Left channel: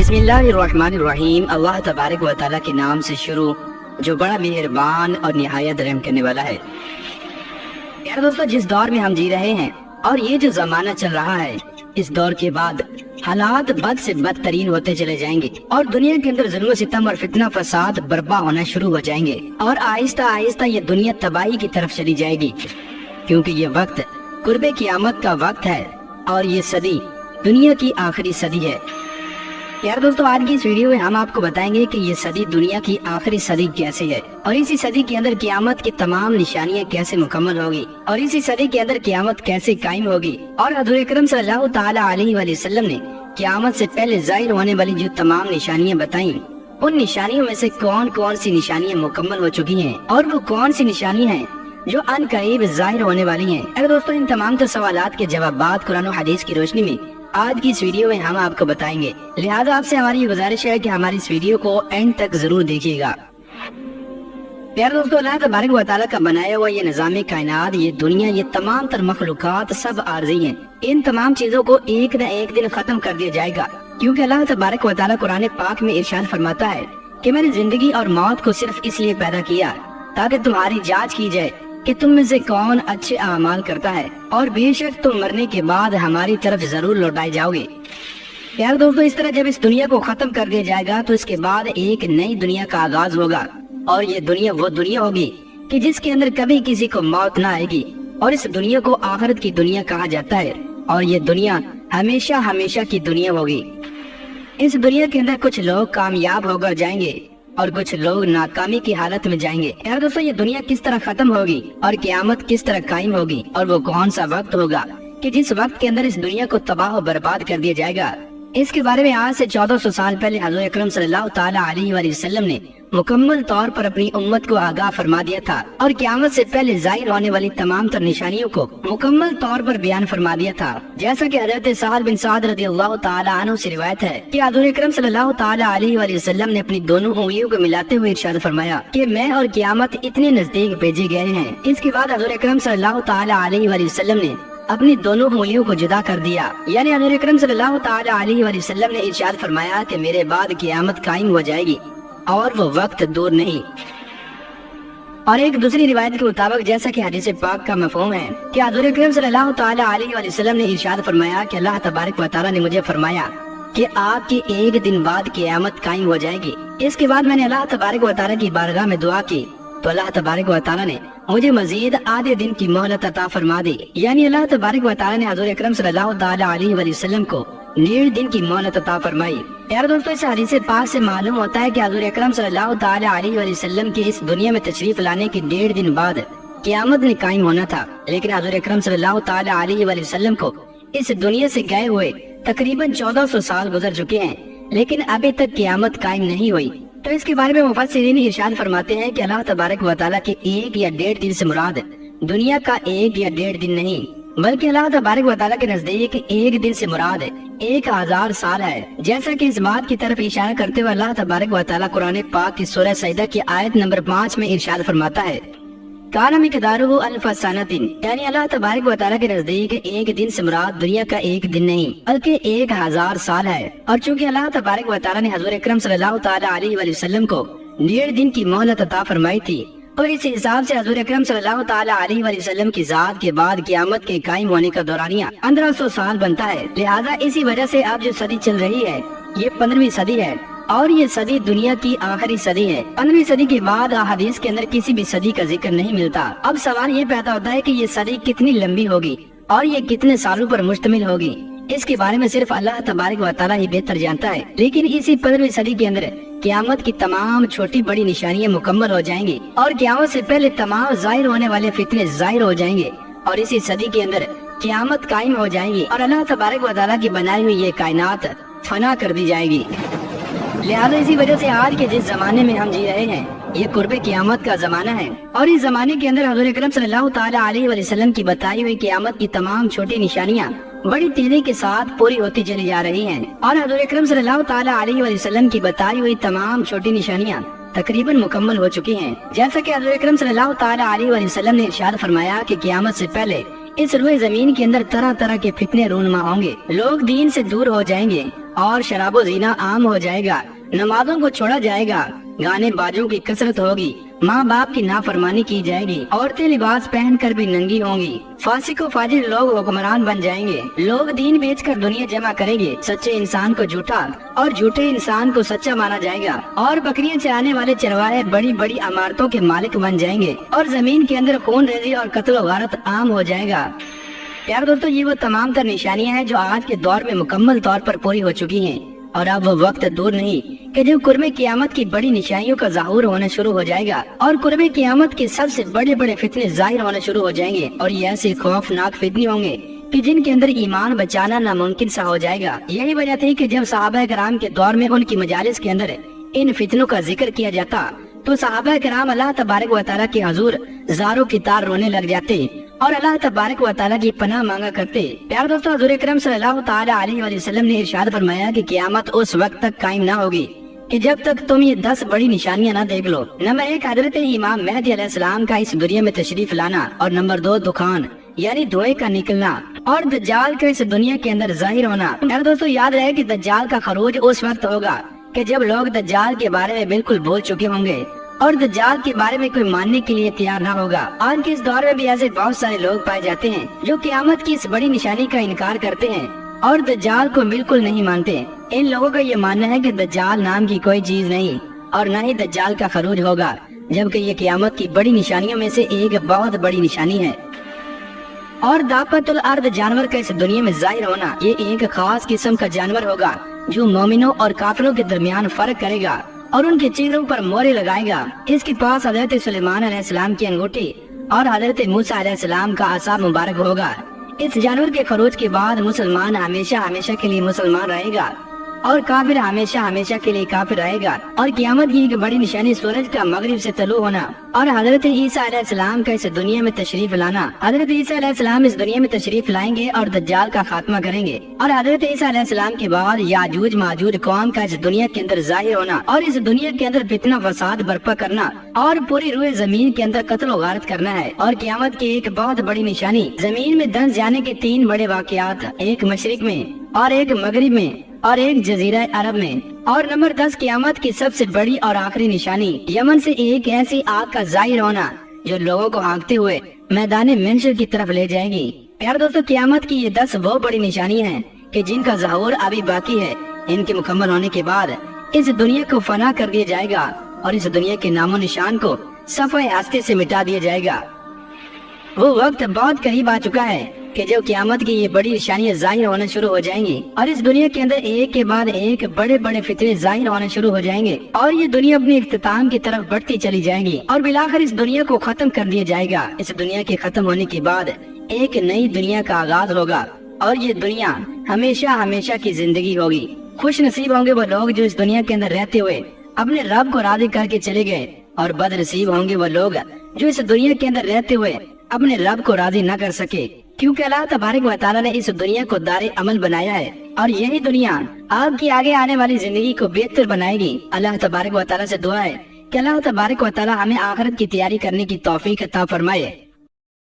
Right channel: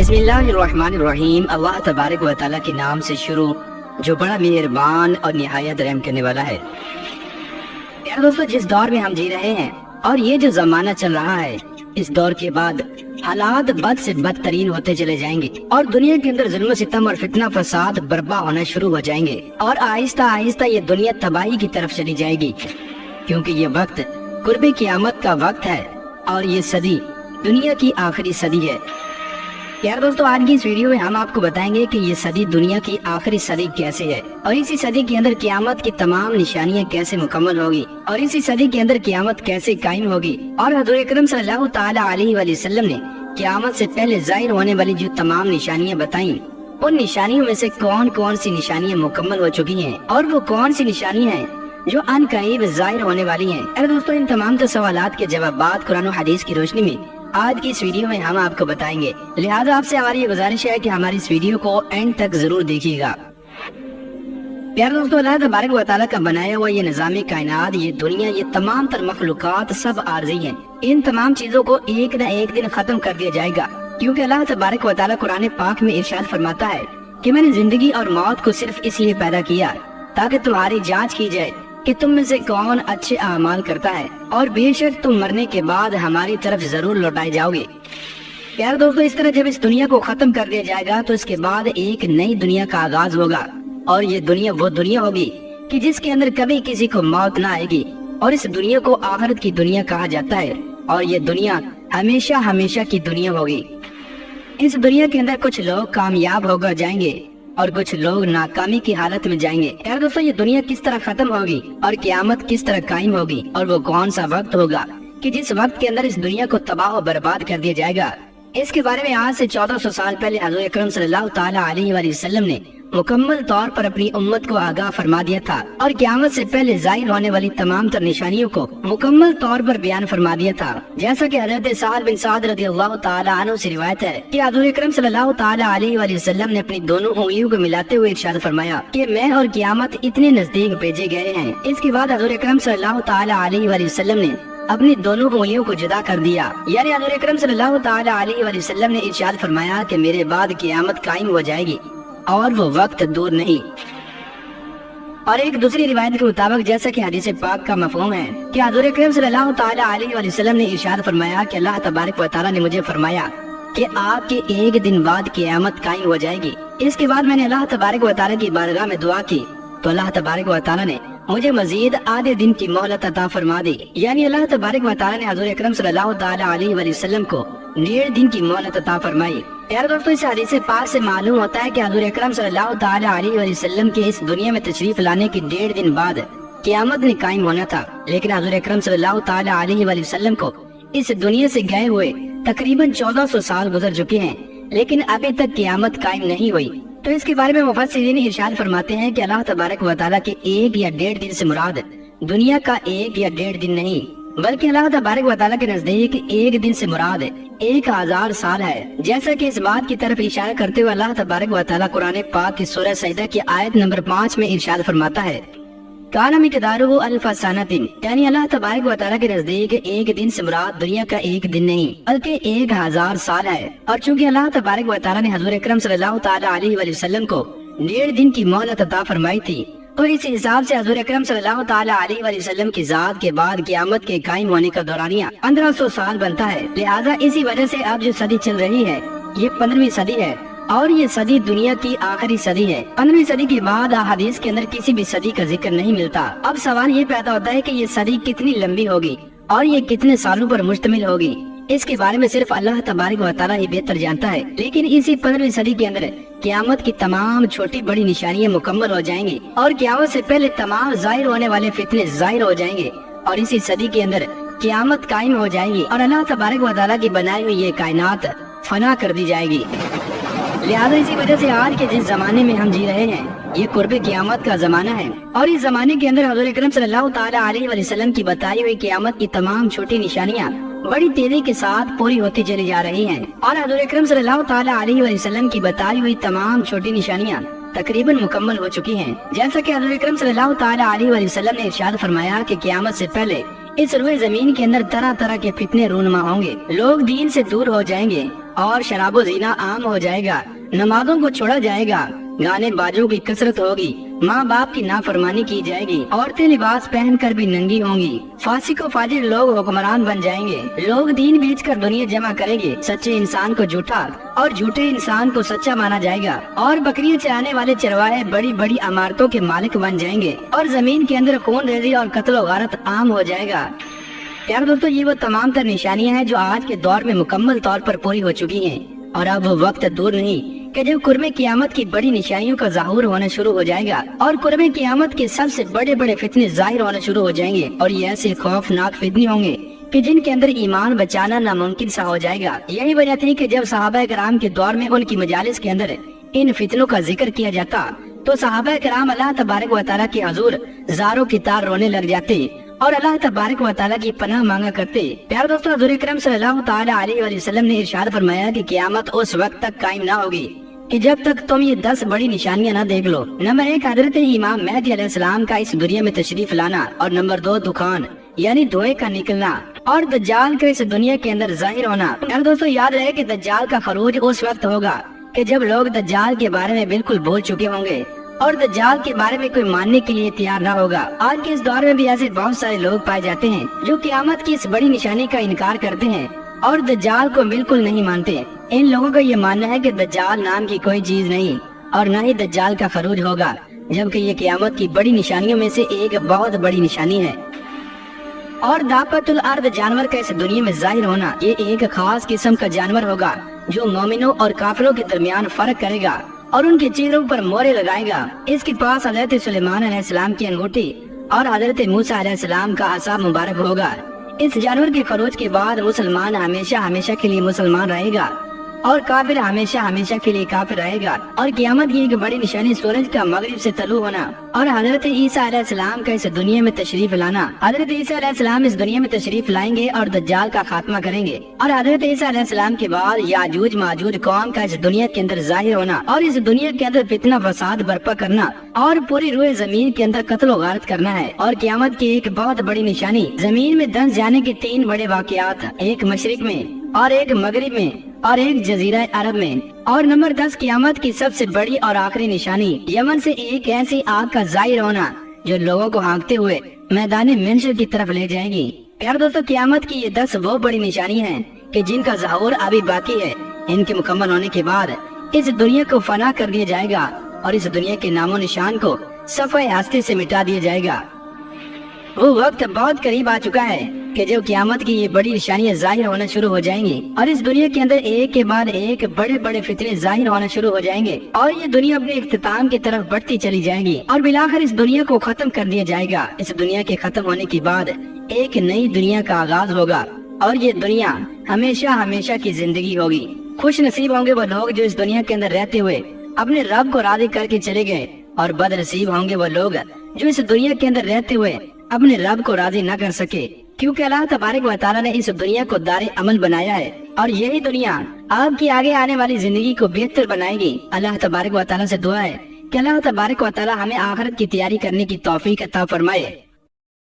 बिस्मिल्लाहिर्रहमानिर्रहीम। अल्लाह तबारक व तआला के नाम से शुरू जो बड़ा मेहरबान और निहायत रहम करने वाला है। यार दोस्तों, जिस दौर में हम जी रहे हैं और ये जो जमाना चल रहा है, इस दौर के बाद हालात बद से बदतरीन होते चले जाएंगे और दुनिया के अंदर जुल्म सितम और फितना फसाद बर्पा होना शुरू हो जाएंगे और आहिस्ता आहिस्ता ये दुनिया तबाही की तरफ चली जाएगी, क्योंकि ये वक्त कुर्बे क़यामत का वक्त है और ये सदी दुनिया की आखिरी सदी है। यार दोस्तों, आज की इस वीडियो में हम आपको बताएंगे कि ये सदी दुनिया की आखिरी सदी कैसे है और इसी सदी के अंदर क़यामत की तमाम निशानियां कैसे मुकम्मल होगी और इसी सदी के अंदर क़यामत कैसे कायम होगी। और हज़रत अकरम सल्लल्लाहु ताला अलैहि वसल्लम ने क़यामत से पहले ज़ाहिर होने वाली जो तमाम निशानियां बताई, उन निशानियों में से कौन कौन सी निशानियां मुकम्मल हो चुकी हैं और वो कौन सी निशानियां हैं जो अनकरीब ज़ाहिर होने वाली हैं। अरे दोस्तों, इन तमाम सवालात के जवाबात कुरान और हदीस की रोशनी में आज की इस वीडियो में हम आपको बताएंगे। लिहाजा आपसे हमारी गुजारिश है कि हमारी इस वीडियो को एंड तक जरूर देखिएगा। प्यारे दोस्तों, अल्लाह तबारक व तआला का बनाया हुआ ये निज़ाम कायनात, ये दुनिया, ये तमाम तर मखलूकात सब आर्जी हैं। इन तमाम चीजों को एक न एक दिन खत्म कर दिया जाएगा, क्योंकि अल्लाह तबारक व तआला कुरान पाक में इरशाद फरमाता है कि मैंने जिंदगी और मौत को सिर्फ इसलिए पैदा किया ताकि तुम्हारी जाँच की जाए कि तुम में से कौन अच्छे अमाल करता है, और बेशक तुम मरने के बाद हमारी तरफ जरूर लौटाए जाओगे। यार दोस्तों, इस तरह जब इस दुनिया को खत्म कर दिया जाएगा तो इसके बाद एक नई दुनिया का आगाज होगा और ये दुनिया वो दुनिया होगी कि जिसके अंदर कभी किसी को मौत ना आएगी, और इस दुनिया को आखिरत की दुनिया कहा जाता है और ये दुनिया हमेशा हमेशा की दुनिया होगी। इस दुनिया के अंदर कुछ लोग कामयाब होकर जाएंगे और कुछ लोग नाकामी की हालत में जाएंगे। यार दोस्तों, ये दुनिया किस तरह खत्म होगी और क़यामत किस तरह कायम होगी और वो कौन सा वक्त होगा कि जिस वक्त के अंदर इस दुनिया को तबाह और बर्बाद कर दिया जाएगा, इसके बारे में आज से 1400 साल पहले हज़रत अकरम सल्लल्लाहु ताला अलैहि वसल्लम ने मुकम्मल तौर पर अपनी उम्मत को आगाह फरमा दिया था और क़यामत से पहले ज़ाहिर होने वाली तमाम तर निशानियों को मुकम्मल तौर पर बयान फरमा दिया था। जैसा कि हज़रत साद बिन साद रज़ियल्लाहु ताला अन्हु से रिवायत है कि हज़रत अकरम सल्लल्लाहु ताला अलैहि वसल्लम ने अपनी दोनों उंगलियों को मिलाते हुए इरशाद फरमाया कि मैं और क़यामत इतने नजदीक भेजे गए हैं। इसके बाद हज़रत अकरम सल्लल्लाहु ताला अलैहि वसल्लम ने अपनी दोनों उंगलियों को जुदा कर दिया, यानी हज़रत अकरम सल्लल्लाहु ताला अलैहि वसल्लम ने इरशाद फरमाया कि मेरे बाद क़यामत कायम हो जाएगी और वो वक्त दूर नहीं। और एक दूसरी रिवायत के मुताबिक, जैसा कि हदीस पाक का मफ़हूम है कि हज़रत अकरम सल्लल्लाहु ताला अलैहि वसल्लम ने इरशाद फरमाया कि अल्लाह तबारक व तआला ने मुझे फरमाया कि आपकी एक दिन बाद क़यामत कायम हो जाएगी। इसके बाद मैंने अल्लाह तबारक व तआला की बारगाह में दुआ की तो अल्लाह तबारक व तआला ने मुझे मजीद आधे दिन की मोहलत अता फरमा दी, यानी अल्लाह तबारक व तआला ने हज़रत अकरम सल्लल्लाहु ताला अलैहि वसल्लम को 1.5 दिन की मोहलत अता फरमाई। यार दोस्तों, इस हदीस पाक से मालूम होता है कि हज़रत अकरम सल्लल्लाहु ताला अलैहि वसल्लम के इस दुनिया में तशरीफ लाने के 1.5 दिन बाद क़यामत ने कायम होना था, लेकिन हज़रत अकरम सल्लल्लाहु ताला अलैहि वसल्लम को इस दुनिया से गए हुए तकरीबन 1400 साल गुजर चुके हैं, लेकिन अभी तक क़यामत कायम नहीं हुई। तो इसके बारे में मुफस्सिरीन इरशाद फरमाते हैं कि अल्लाह तबारक व तआला के 1 या 1.5 दिन से मुराद दुनिया का 1 या 1.5 दिन नहीं, बल्कि अल्लाह तबारक व तआला के नजदीक 1 दिन से मुराद 1000 साल है। जैसा कि इस बात की तरफ इशारा करते हुए अल्लाह तबारक व तआला कुरान पाक की सूरह सजदा की आयत नंबर 5 में इरशाद फरमाता है, काना मिक़दारुहु अल्फ़ सनतिन, यानी अल्लाह तबारक व तआला के नजदीक 1 दिन से मुराद दुनिया का 1 दिन नहीं बल्कि 1000 साल है। और चूंकि अल्लाह तबारक व तआला ने हज़रत अकरम सल्लल्लाहु ताला अलैहि वसल्लम को 1.5 दिन की मोहलत अता फरमाई थी, और इस हिसाब से हज़रत अकरम सल्लल्लाहु ताला अलैहि वसल्लम की ज़ात के बाद क़यामत के कायम होने का दौरानिया 1500 साल बनता है। लिहाजा इसी वजह से अब जो सदी चल रही है ये 15वीं सदी है और ये सदी दुनिया की आखिरी सदी है। 15वीं सदी के बाद हदीस के अंदर किसी भी सदी का जिक्र नहीं मिलता। अब सवाल ये पैदा होता है कि ये सदी कितनी लंबी होगी और ये कितने सालों पर मुश्तमिल होगी, इसके बारे में सिर्फ अल्लाह तबारक व तआला ही बेहतर जानता है। लेकिन इसी 15वीं सदी के अंदर क़यामत की तमाम छोटी बड़ी निशानियां मुकम्मल हो जाएंगी और क़यामत से पहले तमाम ज़ाहिर होने वाले फितने ज़ाहिर हो जाएंगे और इसी सदी के अंदर क़यामत कायम हो जाएगी और अल्लाह तबारक व तआला की बनाई हुई ये कायनात फना कर दी जाएगी। लिहाजा इसी वजह से आज के जिस जमाने में हम जी रहे हैं ये कुर्बे क़यामत का जमाना है और इस जमाने के अंदर हज़रत अकरम सल्लल्लाहु ताला अलैहि वसल्लम की बताई हुई क़यामत की तमाम छोटी निशानियां बड़ी तेजी के साथ पूरी होती चली जा रही हैं और हज़रत अकरम सल्लल्लाहु ताला अलैहि वसल्लम की बताई हुई तमाम छोटी निशानियां तकरीबन मुकम्मल हो चुकी हैं। जैसा कि हज़रत अकरम सल्लल्लाहु ताला अलैहि वसल्लम ने इरशाद फरमाया कि क़यामत से पहले इस रुए जमीन के अंदर तरह तरह के फितने रूनुमा होंगे, लोग दीन से दूर हो जाएंगे और शराबो जीना आम हो जाएगा, नमाजों को छोड़ा जाएगा, गाने बाजों की कसरत होगी, माँ बाप की नाफरमानी की जाएगी, औरतें लिबास पहनकर भी नंगी होंगी, फासिको फाजिर लोग हुक्मरान बन जाएंगे, लोग दीन बेचकर दुनिया जमा करेंगे, सच्चे इंसान को झूठा और झूठे इंसान को सच्चा माना जाएगा, और बकरियां चराने वाले चरवाहे बड़ी बड़ी इमारतों के मालिक बन जाएंगे, और जमीन के अंदर खून रेजी और कत्ल गारत आम हो जाएगा। यार दोस्तों, ये वो तमाम तर निशानियां हैं जो आज के दौर में मुकम्मल तौर पर पूरी हो चुकी हैं, और अब वो वक्त दूर नहीं कि जब कुर्बे क़यामत की बड़ी निशानियों का ज़ाहुर होना शुरू हो जाएगा, और कुर्बे क़यामत के सबसे बड़े बड़े फितने ज़ाहिर होना शुरू हो जाएंगे, और ये ऐसे खौफनाक फितने होंगे कि जिनके अंदर ईमान बचाना नामुमकिन सा हो जाएगा। यही वजह थी कि जब सहाबा कराम के दौर में उनकी मजालिस के अंदर इन फितनों का जिक्र किया जाता तो सहाबा कराम अल्लाह तबारक व तआला के हुजूर ज़ारों की तार रोने लग जाते और अल्लाह तबारक व तआला की पनाह मांगा करते। प्यारे दोस्तों, हुजूर अकरम सल्लल्लाहु तआला अलैहि वसल्लम ने इरशाद फरमाया कि क़यामत उस वक्त तक कायम ना होगी कि जब तक तुम ये 10 बड़ी निशानियां ना देख लो। नंबर 1, हजरत इमाम मेहदी अलैहिस्सलाम का इस दुनिया में तशरीफ लाना, और नंबर 2, दुखान यानी धुएं का निकलना, और दज्जाल का इस दुनिया के अंदर जाहिर होना। यार दोस्तों, याद रहे कि दज्जाल का खरूज उस वक्त होगा कि जब लोग दज्जाल के बारे में बिल्कुल भूल चुके होंगे और दज्जाल के बारे में कोई मानने के लिए तैयार ना होगा। आज के इस दौर में भी ऐसे बहुत सारे लोग पाए जाते हैं जो क़यामत की इस बड़ी निशानी का इनकार करते हैं और दज्जाल को बिल्कुल नहीं मानते। इन लोगों का ये मानना है कि दज्जाल नाम की कोई चीज नहीं और न ही दज्जाल का खरूज होगा, जबकि ये क़यामत की बड़ी निशानियों में से एक बहुत बड़ी निशानी है। और दापतुल अर्द जानवर का इस दुनिया में जाहिर होना, ये एक खास किस्म का जानवर होगा जो मोमिनों और काफिरों के दरमियान फर्क करेगा और उनकी चीजों पर मोहरें लगाएगा। इसके पास हजरत सुलेमान अलैहिस्सलाम की अंगूठी और हजरत मूसा अलैहिस्सलाम का असा मुबारक होगा। इस जानवर के खरोज के बाद मुसलमान हमेशा हमेशा के लिए मुसलमान रहेगा और काफिर हमेशा हमेशा के लिए काफिर रहेगा। और क़यामत की एक बड़ी निशानी सूरज का मगरिब से तलू होना और हजरत ईसा अलैहिस्सलाम का इस दुनिया में तशरीफ लाना। हजरत ईसा अलैहिस्सलाम इस दुनिया में तशरीफ लाएंगे और दज्जाल का खात्मा करेंगे, और हजरत ईसा अलैहिस्सलाम के बाद याजूज माजूज कौम का इस दुनिया के अंदर जाहिर होना और इस दुनिया के अंदर फितना फसाद बर्पा करना और पूरी रूए जमीन के अंदर कत्ल गारत करना है। और क़यामत की एक बहुत बड़ी निशानी जमीन में धंस जाने के 3 बड़े वाक़यात, एक मशरिक में और एक मगरिब में और एक जजीरा अरब में। और नंबर 10, क़यामत की सबसे बड़ी और आखिरी निशानी, यमन से एक ऐसी आग का जाहिर होना जो लोगों को हाँकते हुए मैदानी मंशर की तरफ ले जाएगी। प्यारे दोस्तों, क़यामत की ये 10 वो बड़ी निशानी है कि जिनका ज़हूर अभी बाकी है। इनके मुकम्मल होने के बाद इस दुनिया को फना कर दिया जाएगा और इस दुनिया के नामो निशान को सफाई हस्ते से मिटा दिया जाएगा। वो वक्त बहुत करीब आ चुका है कि जब क़यामत की ये बड़ी निशानियां जाहिर होना शुरू हो जाएंगी और इस दुनिया के अंदर एक के बाद एक बड़े बड़े फितने जाहिर होना शुरू हो जाएंगे और ये दुनिया अपने इख्तिताम की तरफ बढ़ती चली जाएगी और बिलाखिर इस दुनिया को खत्म कर दिया जाएगा। इस दुनिया के खत्म होने के बाद एक नई दुनिया का आगाज होगा और ये दुनिया हमेशा हमेशा की जिंदगी होगी। खुश नसीब होंगे वो लोग जो इस दुनिया के अंदर रहते हुए अपने रब को राजी करके चले गए, और बदनसीब होंगे वो लोग जो इस दुनिया के अंदर रहते हुए अपने रब को राजी न कर सके, क्योंकि अल्लाह तबारक व तआला ने इस दुनिया को दारे अमल बनाया है और यही दुनिया आपकी आगे आने वाली जिंदगी को बेहतर बनाएगी। अल्लाह तबारक व तआला से दुआ है कि अल्लाह तबारक व तआला हमें आखिरत की तैयारी करने की तौफीक अता फरमाए।